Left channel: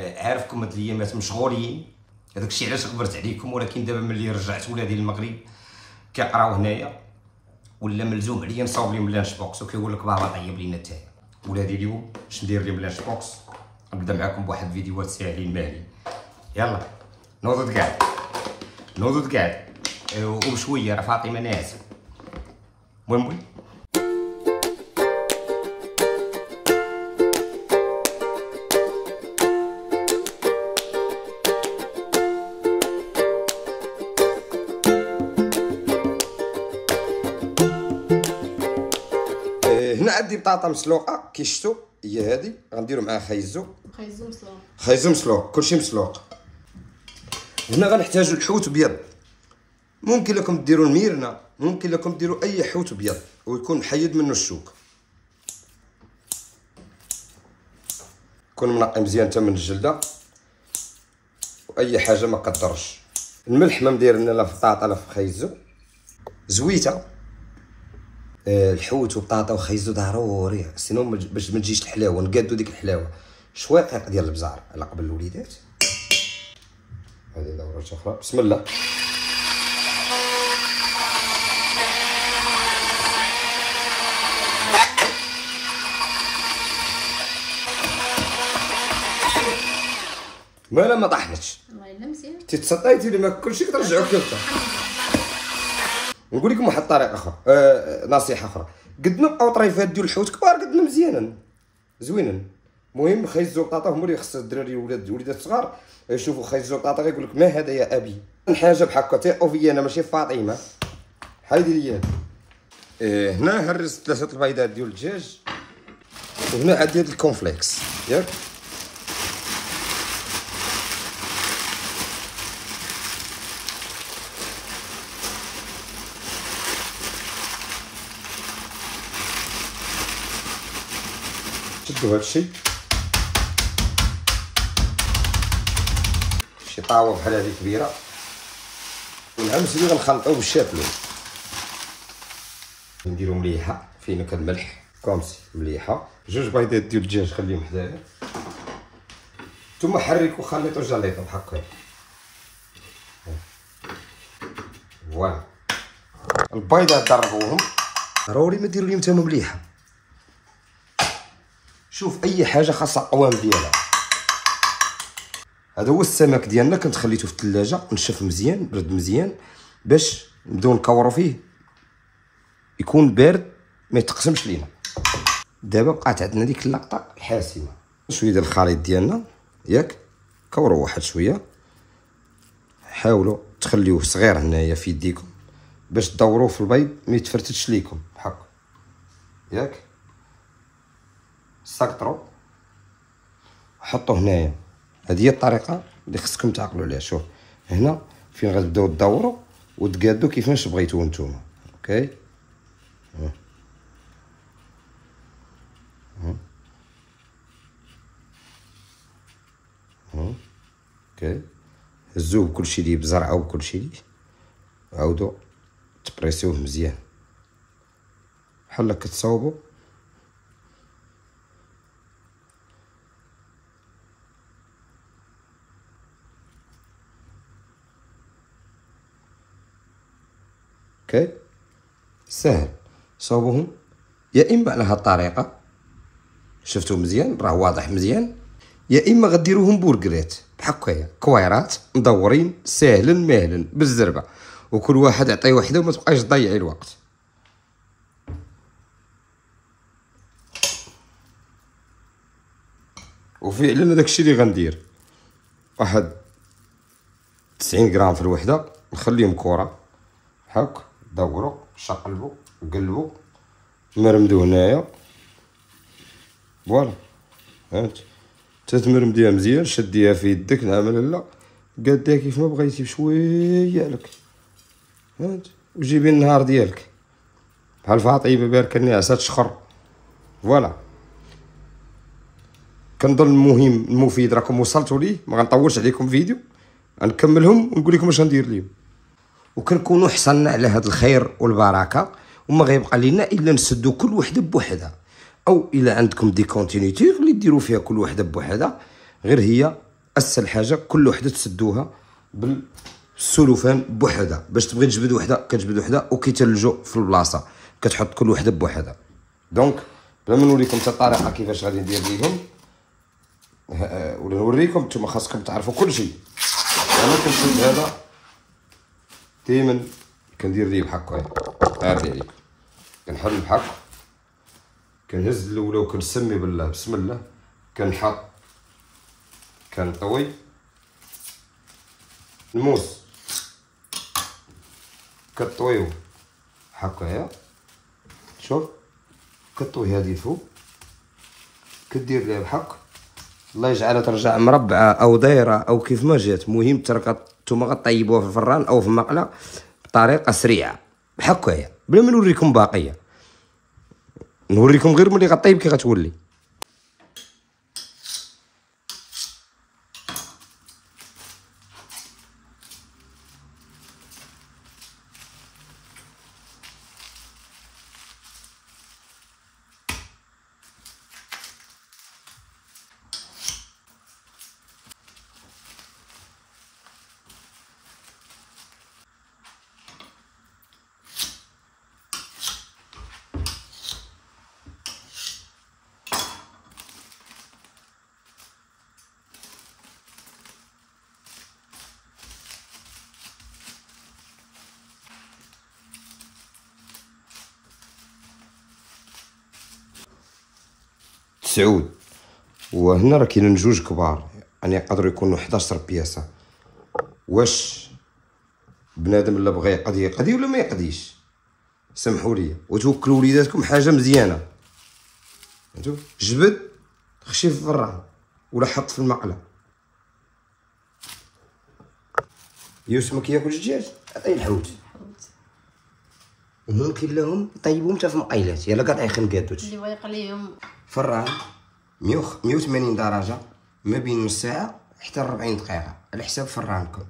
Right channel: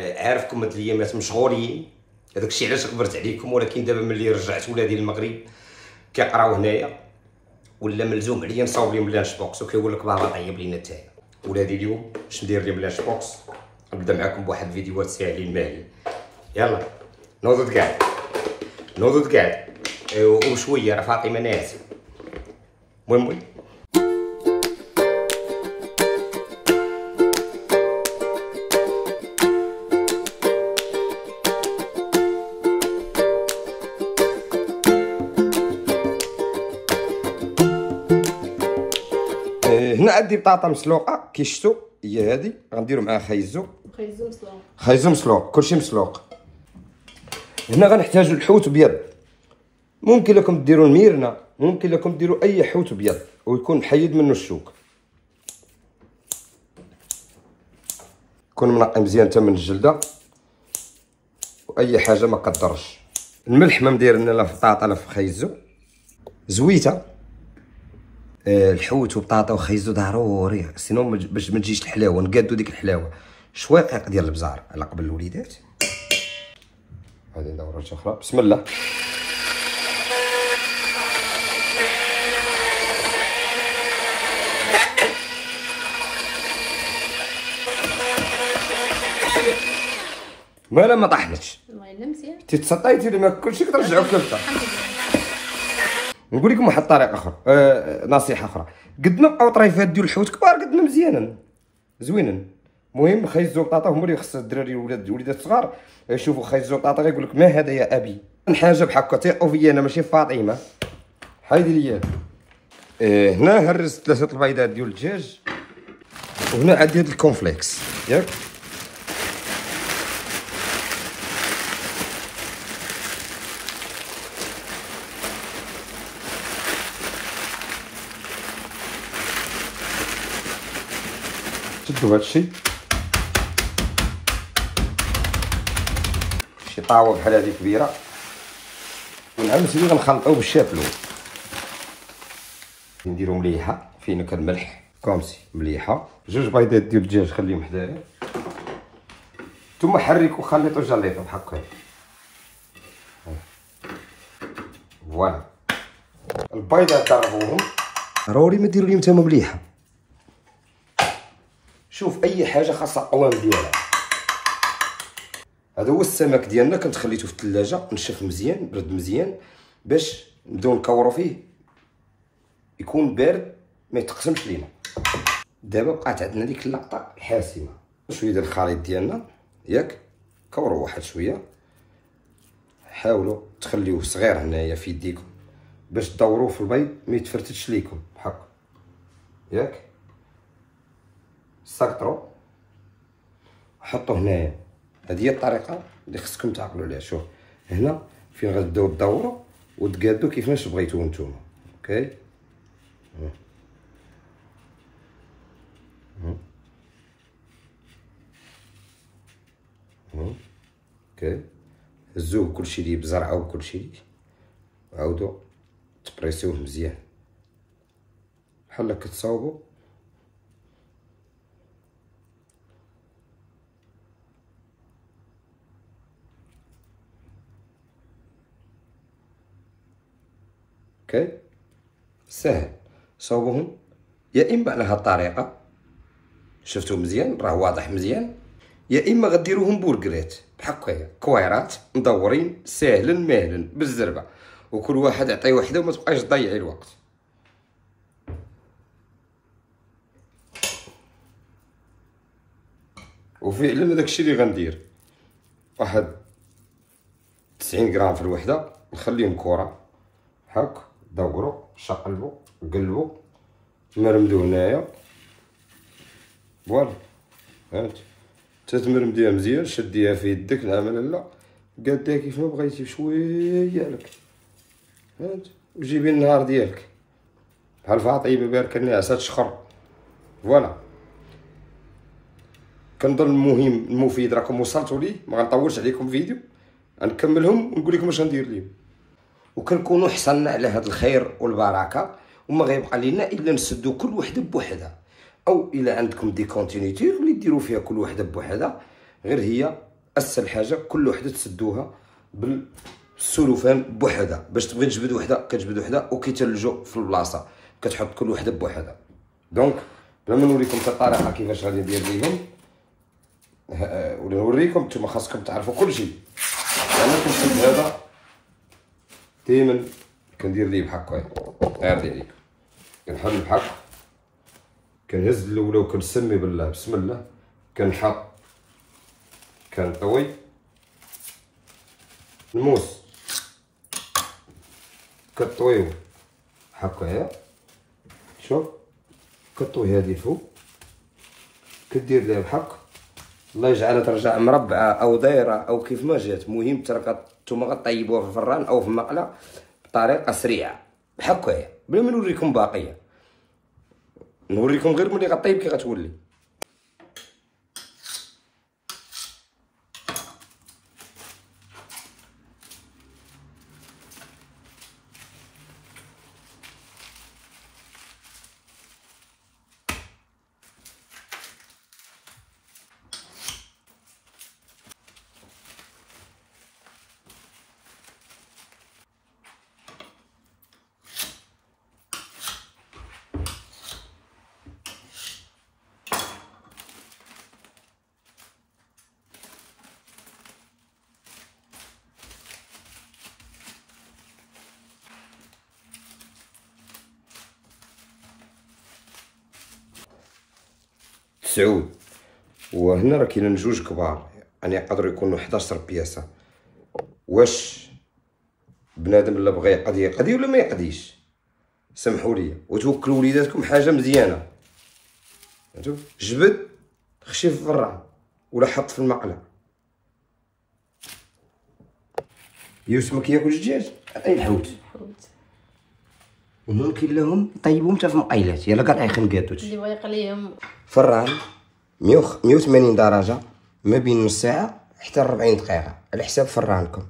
عارفكم هاد الايامات مشغولين، هذاك الشيء علاش غبرت عليكم. ولكن دابا ملي رجعت ولادي للمغرب كيقراو هنايا ولا ملزوم عليا نصاوب لهم لانش بوكس، وكيقول لك بابا طيب لينا نتايا. ولادي اليوم باش ندير لهم لانش بوكس، نبدا معكم بواحد الفيديوهات ساهلين ماهلين. يلا نوضوا كاع وشويه راه فاطمه ناعسه. المهم هنا عندي بطاطا مسلوقه كي شفتوا، هي هذه غنديروا معها خيزو مسلوق، كلشي مسلوق. هنا غنحتاجوا الحوت ابيض، ممكن لكم ديروا الميرنه، ممكن لكم ديروا اي حوت ابيض ويكون محيد منه الشوك، يكون منقي مزيان حتى من الجلده واي حاجه ما كضرش. الملح ما مديرنا لا في البطاطا لا في خيزو. زويته الحوت وبطاطا وخيزو ضروري، سينو باش ما تجيش الحلاوه، نقادو ديك الحلاوه. شويق ديال البزار على قبل الوليدات. هذه دوره اخرى، بسم الله. مالا ما طاحتش، الله يلا مزيان. تتصطيتي لما كلشي كترجعو كلتا. نقول لكم واحد الطريقه اخرى، نصيحه اخرى، قد ما بقاو طريفات ديال الحوت كبار قد ما مزيانين زوينين. المهم خيزو بطاطا هما اللي خص الدراري وليدات صغار يشوفوا خيزو بطاطا غيقول لك ما هذا يا ابي. حاجه بحال ثقوا فيا انا ماشي فاطمه. هايدي ليا هنا هرست 3 البيضات ديال الدجاج، وهنا عندي هاد الكونفليكس ياك. شدوا هادشي، شي طاوه بحال هادي كبيره، ونعمس اللي غنخلطو بالشافلو. نديرو مليحه فين كان الملح كومسي مليحه. 2 بيضات ديال الدجاج خليهم حدايا، نتوما حركوا خليطو جليطو هكا. فوالا البيضات ضربوهم، ضروري ما ديروا لهم تما مليحه. شوف اي حاجه خاصها القوام ديالها. هذا هو السمك ديالنا، كنت خليته في الثلاجه نشف مزيان برد مزيان باش نبداو نكورو فيه يكون بارد ما يتقسمش لينا. دابا بقات عندنا ديك اللقطه الحاسمه. شويه ديال الخليط ديالنا ياك، كوروا واحد شويه، حاولوا تخليوه صغير هنايا في يديكم باش تدوروه في البيض ما يتفرتش ليكم بحال ياك. سكروا حطوا هنايا. هذه هي الطريقه اللي خصكم تعقلوا عليها. شوف هنا فين غتبداو تدوروا وتقادوا كيفاش بغيتو نتوما. اوكي اوكي، هزوه كلشي ليه بزرعه وكلشي ليه، عاودوا تبريسيوه مزيان بحال هكا تصاوبوا. اوكي ساهل، صوبوهم يا اما على هاد الطريقه شفتوا مزيان راه واضح مزيان، يا اما غديروهم بوركرات بحال هكايا كويرات مدورين ساهلين ماهلين بالزربه، وكل واحد عطيه وحده وما تبقاش تضيعي الوقت. وفعلا داكشي اللي غندير، واحد 90 غرام في الوحده، نخليهم كره هاك، دوروا شقلبوا قلبوا مرمدو هنايا. فوالا فهمت، تتمرمديها مزيان، شديها في يدك نعم لا قاديها كيف ما بغيتي بشويه لك فهمت، وجيبي النهار ديالك بحال فاطمه بارك الناس تشخر. فوالا كنظن المهم المفيد راكم وصلتوا ليه، ما غنطولش عليكم فيديو، غنكملهم ونقول لكم اش غندير ليهم، وكنكونوا حصلنا على هذا الخير والبركه، وما غيبقى لنا الا نسدوا كل وحده بوحدها، او الا عندكم دي كونتينيتي اللي ديروا فيها كل وحده بوحدها، غير هي اسهل حاجه كل وحده تسدوها بالسلوفان بوحدها. باش تبغي تجبد وحده كتجبد وحده، وكيتلجوا في البلاصه كتحط كل وحده بوحدها. دونك بلا ما نوريكم حتى الطريقه كيفاش غادي ندير ليهم، ولا نوريكم نتوما خاصكم تعرفوا كلشي. انا كنشد هذا ديما كندير ليه بحال هكا، هادي عليك كنحل بحال هكا، كنهز الاولى وكنسمي بالله بسم الله، كنحط كنطوي الموس كطويو هكايا. شوف كطوي هادي الفوق كدير ليها بحال هكا، الله يجعلها ترجع مربعه او دايره او كيف ما جات. المهم نتوما غطيبوها في الفران او في المقله بطريقه سريعه بحال هكايا، بلا ما نوريكم باقيه، نوريكم غير ملي غطيب كي غتولي. تسعود، وهنا راه كاينين جوج كبار، يعني يقدروا يكونوا 11 بياسه. واش بنادم الا بغى يقضي ولا ما يقضيش، سمحوا لي وتوكلوا وليداتكم حاجه مزيانه. جبد خشي في الفران ولا حط في المقله. يوسف ما كياكلش الدجاج، اي الحوت وممكن لهم طيبهم حتى في مقيلات، يلا كاع يخن كاتوش اللي بغا يقليهم. فران 180 درجه ما بين نص ساعه حتى 40 دقيقه على حساب فرانكم.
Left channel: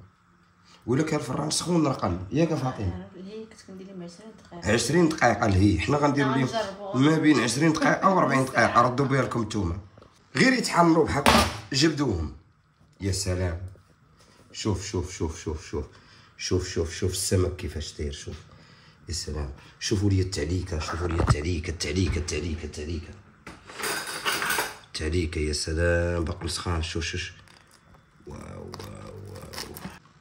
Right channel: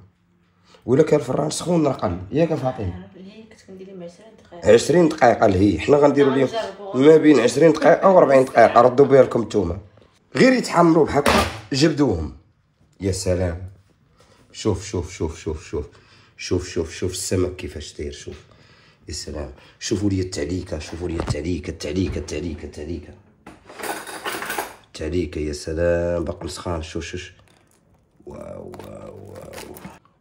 ولا كان الفران سخون اقل ياك فاطمه، كنت كندير لهم 20 دقيقه. 20 دقيقه لهي، حنا غنديروا لهم ما بين 20 دقيقه و 40 دقيقه. ردوا بها لكم نتوما، غير يتحمروا بحال جبدوهم. يا سلام، شوف شوف شوف شوف شوف شوف شوف شوف السمك كيفاش داير. شوف يا سلام، شوفوا لي التعليكه، شوفوا لي التعليكه التعليكه التعليكه التعليكه التعليكه. يا سلام بقل سخان. شوف شوف واو واو واو.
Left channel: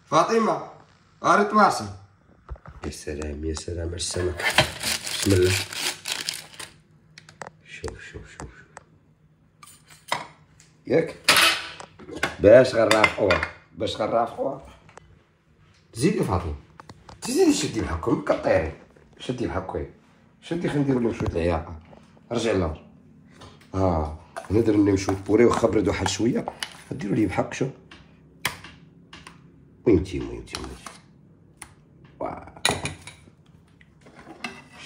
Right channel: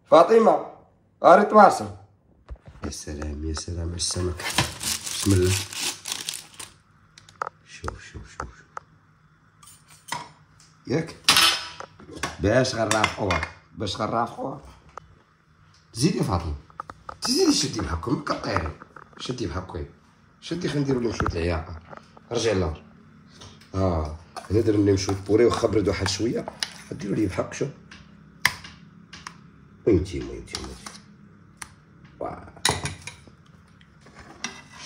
فاطمه اري تواصل. يا سلام يا سلام على السمك، بسم الله. شوف شوف شوف ياك باش غنرافقوها زيدي فاطمه، تزيدي شدي بحالكم كطيري، شدي بحالكم، شدي. خلينا نديرو لهم شويه العياقه. رجعي للور. نقدر نمشيو بوري واخا بردو واحد شويه، ديرو لي بحال شوف. وينتي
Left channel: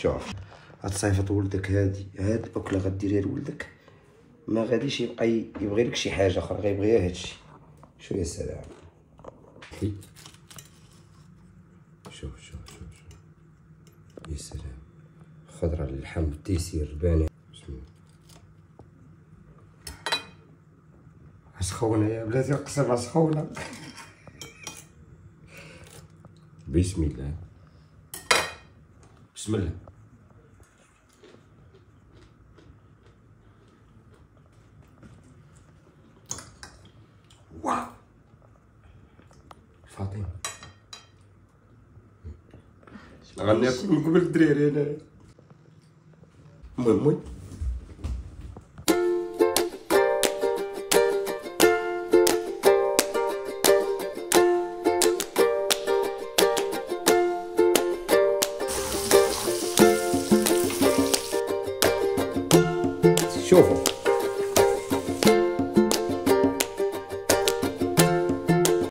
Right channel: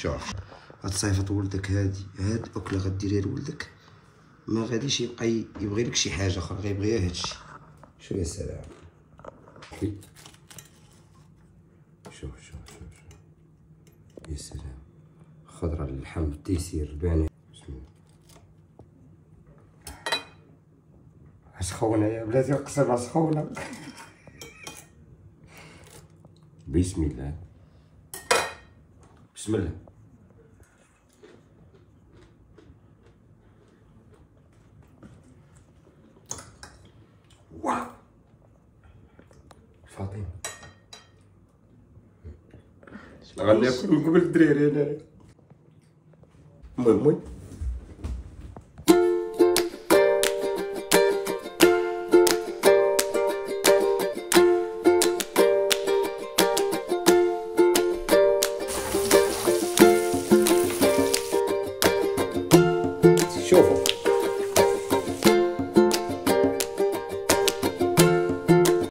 شوف هاد صيفط ولدك، هاد الاكله غديريها لولدك ما غاديش يبغي لك شي حاجه اخرى، غيبغيها هادشي. شو يا سلام. شوف شوف شوف شوف يا سلام. خضره للحم بالتيسير باني. بسم الله. سخونه يا بلاتي، القصيبه سخونه. بسم الله بسم الله. واو فاطمه غناكل من قبل الدراري هنايا. المهم شوفوا